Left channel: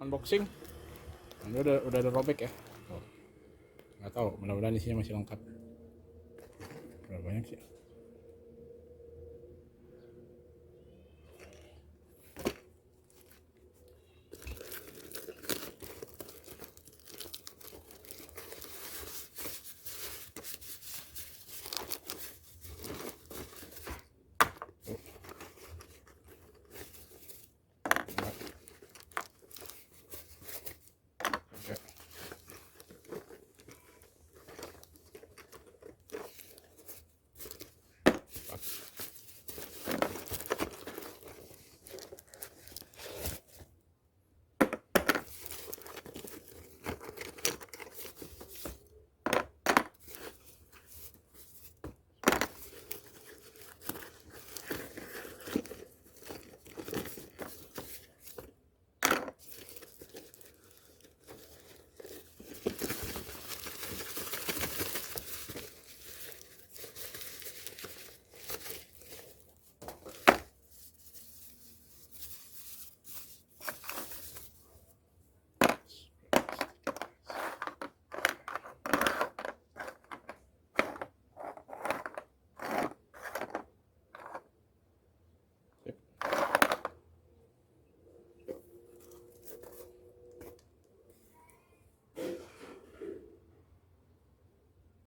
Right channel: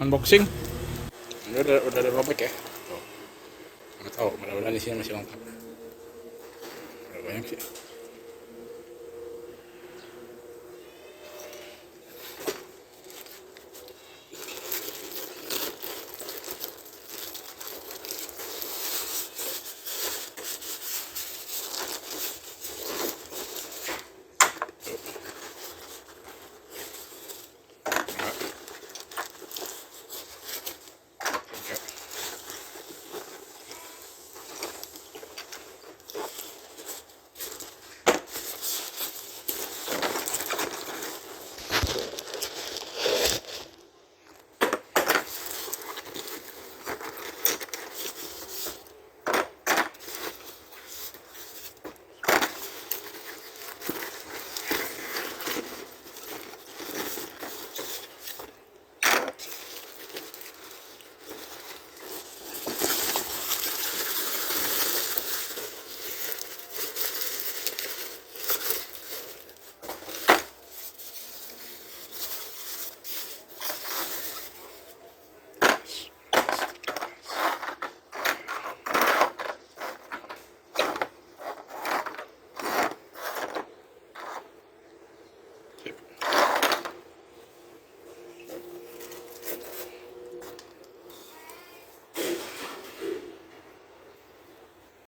unboxing. Ini udah ada robek ya. Tuh. Nggak tahu, mudah-mudahan isinya masih lengkap. Berapa banyak sih?